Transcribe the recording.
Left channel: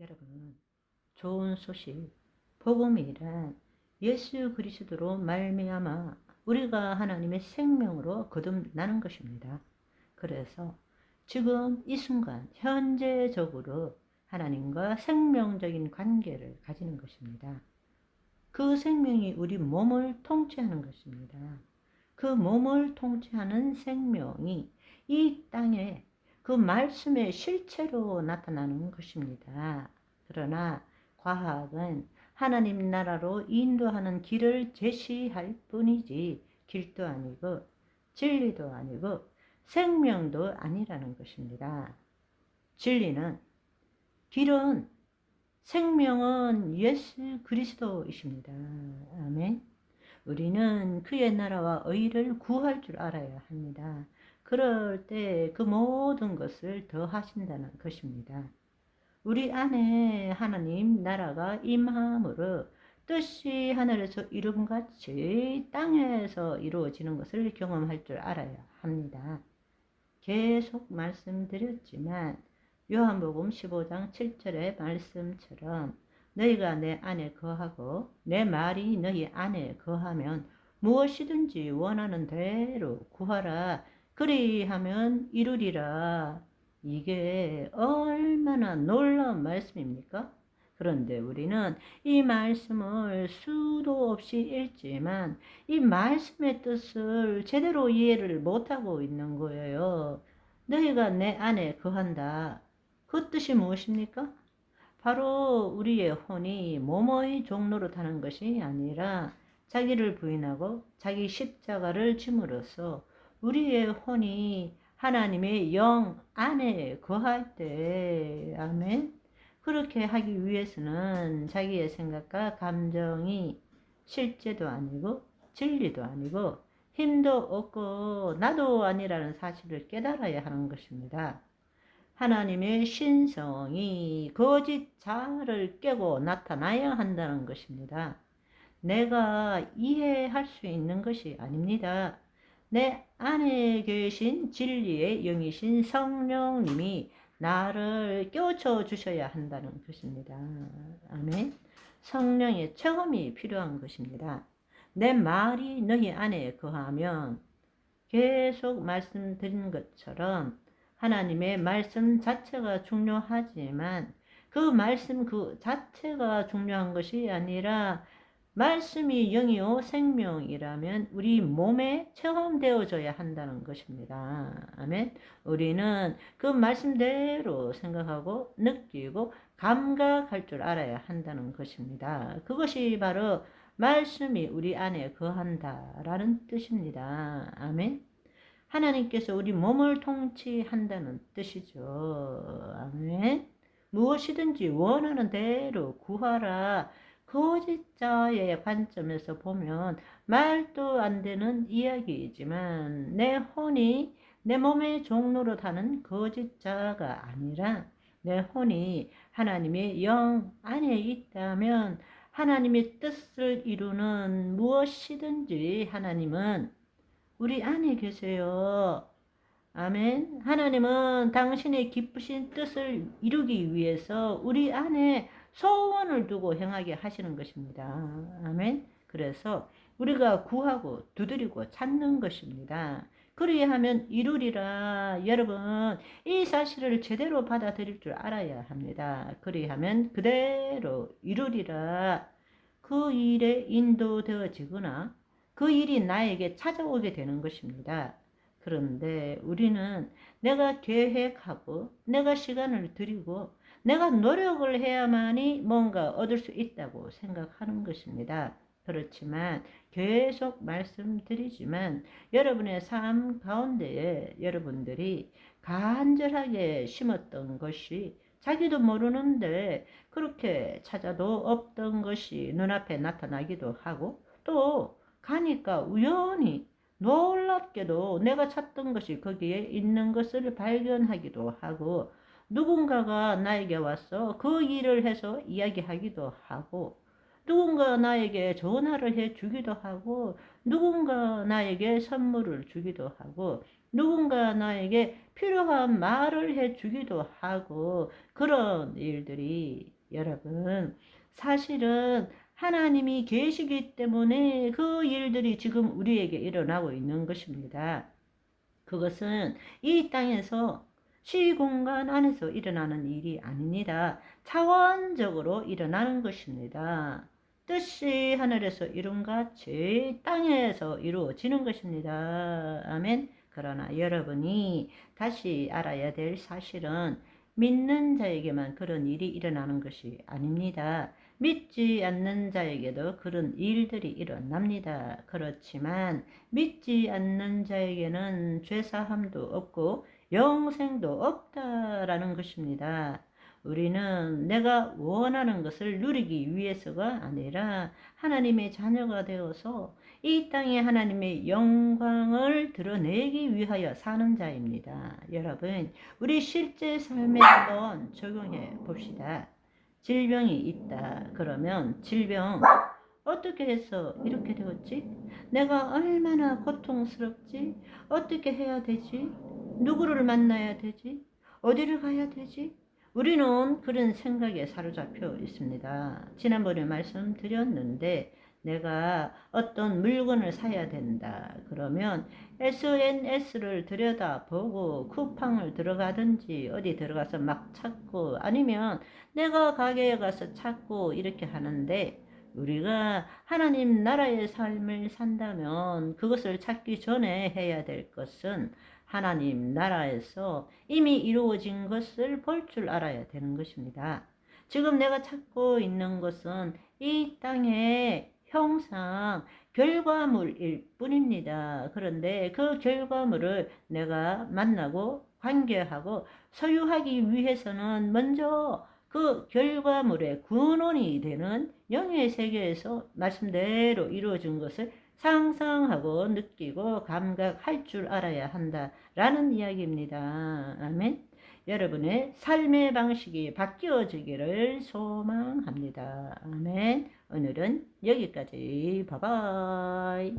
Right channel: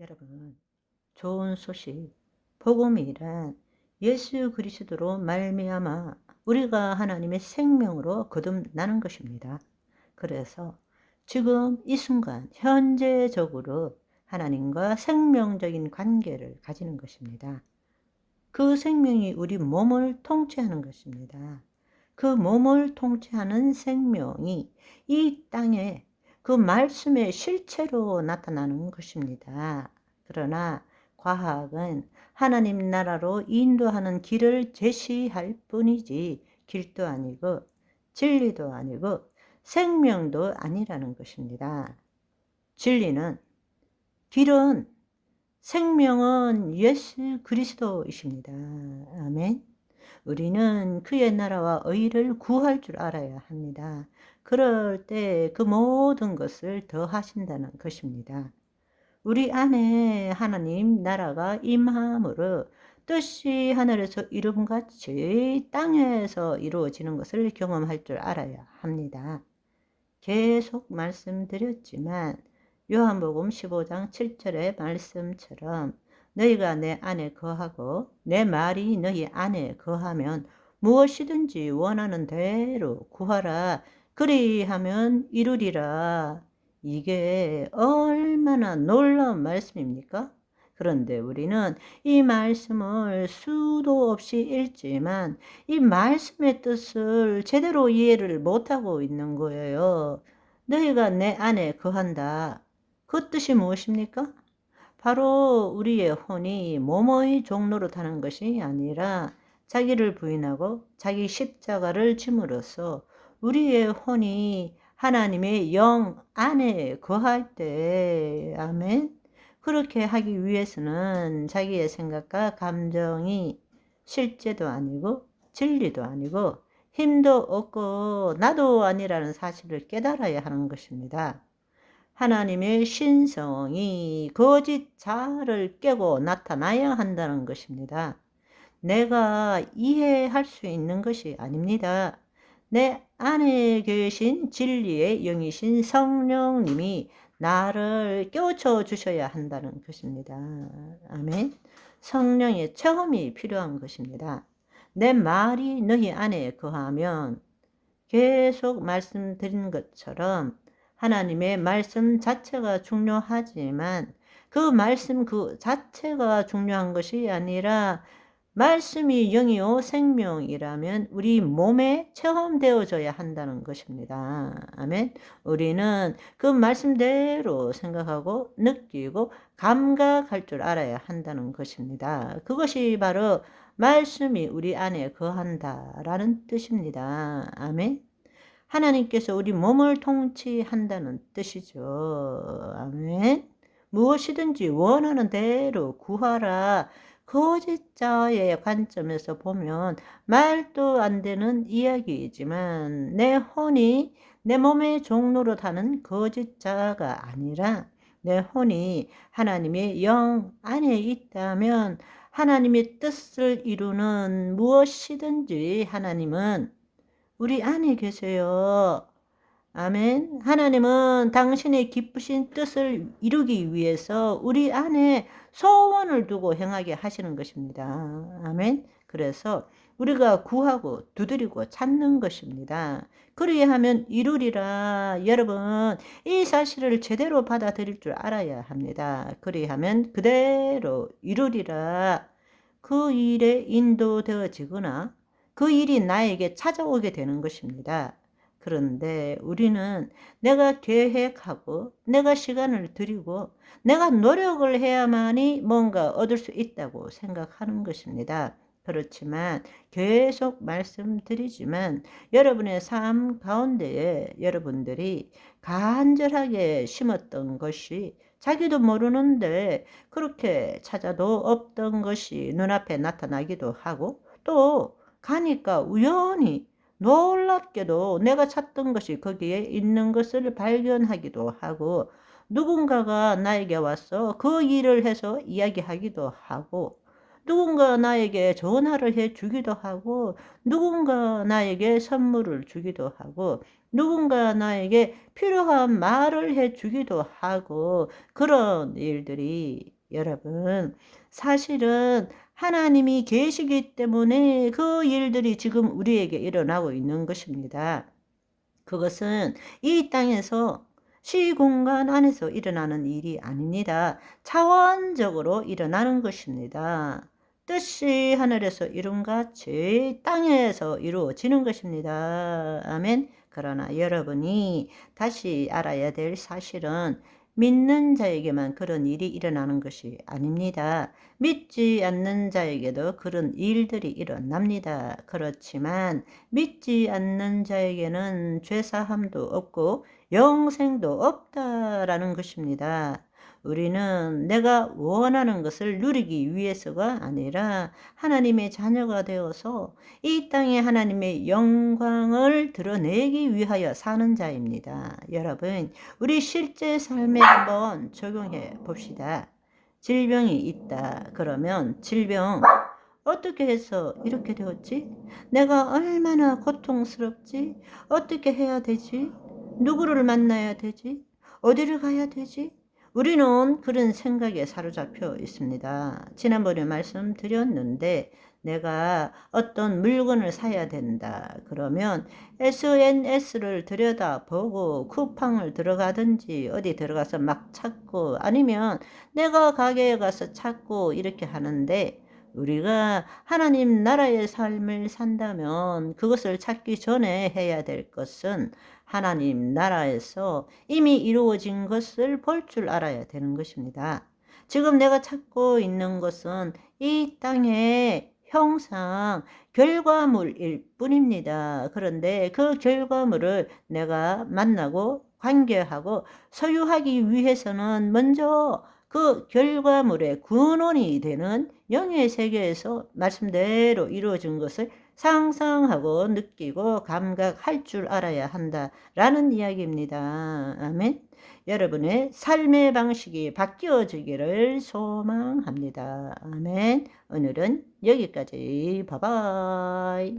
여러분, 좋은 소식, 복음이란 예수 그리스도로 말미암아 우리가 하나님의 생명으로 거듭나는 것입니다. 그래서 지금 이 순간 현재적으로 하나님과 생명적인 관계를 가지는 것입니다. 그 생명이 우리 몸을 통치하는 것입니다. 그 몸을 통치하는 생명이 이 땅에 그 말씀의 실체로 나타나는 것입니다. 그러나 과학은 하나님 나라로 인도하는 길을 제시할 뿐이지 길도 아니고 진리도 아니고 생명도 아니라는 것입니다. 진리는, 길은, 생명은 예수 그리스도이십니다. 아멘. 우리는 그의 나라와 의를 구할 줄 알아야 합니다. 그럴 때 그 모든 것을 더하신다는 것입니다. 우리 안에 하나님 나라가 임함으로 뜻이 하늘에서 이룬같이 땅에서 이루어지는 것을 경험할 줄 알아야 합니다. 계속 말씀드렸지만 요한복음 15장 7절의 말씀처럼 너희가 내 안에 거하고 내 말이 너희 안에 거하면 무엇이든지 원하는 대로 구하라. 그리하면 이루리라. 이게 얼마나 놀라운 말씀입니까? 그런데 우리는 이 말씀을 수도 없이 읽지만 이 말씀의 뜻을 제대로 이해를 못하고 있는 거예요. 너희가 내 안에 거한다. 그 뜻이 무엇입니까? 바로 우리의 혼이 몸의 종로로 타는 것이 아니라 자기를 부인하고 자기 십자가를 짐으로써 우리의 혼이 하나님의 영 안에 거할 때, 아멘. 그렇게 하기 위해서는 자기의 생각과 감정이 실제도 아니고 진리도 아니고 힘도 없고 나도 아니라는 사실을 깨달아야 하는 것입니다. 하나님의 신성이 거짓 자아를 깨고 나타나야 한다는 것입니다. 내가 이해할 수 있는 것이 아닙니다. 내 안에 계신 진리의 영이신 성령님이 나를 깨우쳐 주셔야 한다는 것입니다. 아멘. 성령의 체험이 필요한 것입니다. 내 말이 너희 안에 거하면, 계속 말씀드린 것처럼 하나님의 말씀 자체가 중요하지만 그 말씀 그 자체가 중요한 것이 아니라 말씀이 영이요 생명이라면 우리 몸에 체험되어져야 한다는 것입니다. 아멘. 우리는 그 말씀대로 생각하고 느끼고 감각할 줄 알아야 한다는 것입니다. 그것이 바로 말씀이 우리 안에 거한다라는 뜻입니다. 아멘. 하나님께서 우리 몸을 통치한다는 뜻이죠. 아멘. 무엇이든지 원하는 대로 구하라. 거짓자의 관점에서 보면 말도 안 되는 이야기이지만 내 혼이 내 몸의 종로로 타는 거짓자가 아니라 내 혼이 하나님의 영 안에 있다면 하나님의 뜻을 이루는 무엇이든지 하나님은 우리 안에 계세요. 아멘. 하나님은 당신의 기쁘신 뜻을 이루기 위해서 우리 안에 소원을 두고 행하게 하시는 것입니다. 아멘. 그래서 우리가 구하고 두드리고 찾는 것입니다. 그리하면 이루리라. 여러분, 이 사실을 제대로 받아들일 줄 알아야 합니다. 그리하면 그대로 이루리라. 그 일에 인도되어지거나 그 일이 나에게 찾아오게 되는 것입니다. 그런데 우리는 내가 계획하고 내가 시간을 들이고 내가 노력을 해야만이 뭔가 얻을 수 있다고 생각하는 것입니다. 그렇지만 계속 말씀드리지만 여러분의 삶 가운데에 여러분들이 간절하게 심었던 것이 자기도 모르는데 그렇게 찾아도 없던 것이 눈앞에 나타나기도 하고 또 가니까 우연히 놀랍게도 내가 찾던 것이 거기에 있는 것을 발견하기도 하고 누군가가 나에게 와서 그 일을 해서 이야기하기도 하고 누군가 나에게 전화를 해 주기도 하고, 누군가 나에게 선물을 주기도 하고, 누군가 나에게 필요한 말을 해 주기도 하고, 그런 일들이 여러분, 사실은 하나님이 계시기 때문에 그 일들이 지금 우리에게 일어나고 있는 것입니다. 그것은 이 땅에서 시공간 안에서 일어나는 일이 아닙니다. 차원적으로 일어나는 것입니다. 뜻이 하늘에서 이룬같이 땅에서 이루어지는 것입니다. 아멘. 그러나 여러분이 다시 알아야 될 사실은 믿는 자에게만 그런 일이 일어나는 것이 아닙니다. 믿지 않는 자에게도 그런 일들이 일어납니다. 그렇지만 믿지 않는 자에게는 죄사함도 없고 영생도 없다라는 것입니다. 우리는 내가 원하는 것을 누리기 위해서가 아니라 하나님의 자녀가 되어서 이 땅에 하나님의 영광을 드러내기 위하여 사는 자입니다. 여러분, 우리 실제 삶에 한번 적용해 봅시다. 질병이 있다. 그러면 질병 어떻게 해서 이렇게 되었지? 내가 얼마나 고통스럽지? 어떻게 해야 되지? 누구를 만나야 되지? 어디를 가야 되지? 우리는 그런 생각에 사로잡혀 있습니다. 지난번에 말씀드렸는데 내가 어떤 물건을 사야 된다. 그러면 SNS를 들여다보고 쿠팡을 들어가든지 어디 들어가서 막 찾고 아니면 내가 가게에 가서 찾고 이렇게 하는데 우리가 하나님 나라의 삶을 산다면 그것을 찾기 전에 해야 될 것은 하나님 나라에서 이미 이루어진 것을 볼 줄 알아야 되는 것입니다. 지금 내가 찾고 있는 것은 이 땅의 형상, 결과물일 뿐입니다. 그런데 그 결과물을 내가 만나고 관계하고 소유하기 위해서는 먼저 그 결과물의 근원이 되는 영의 세계에서 말씀대로 이루어진 것을 상상하고 느끼고 감각할 줄 알아야 한다라는 이야기입니다. 아멘. 여러분의 삶의 방식이 바뀌어지기를 소망합니다. 아멘. 오늘은 여기까지. 바이바이.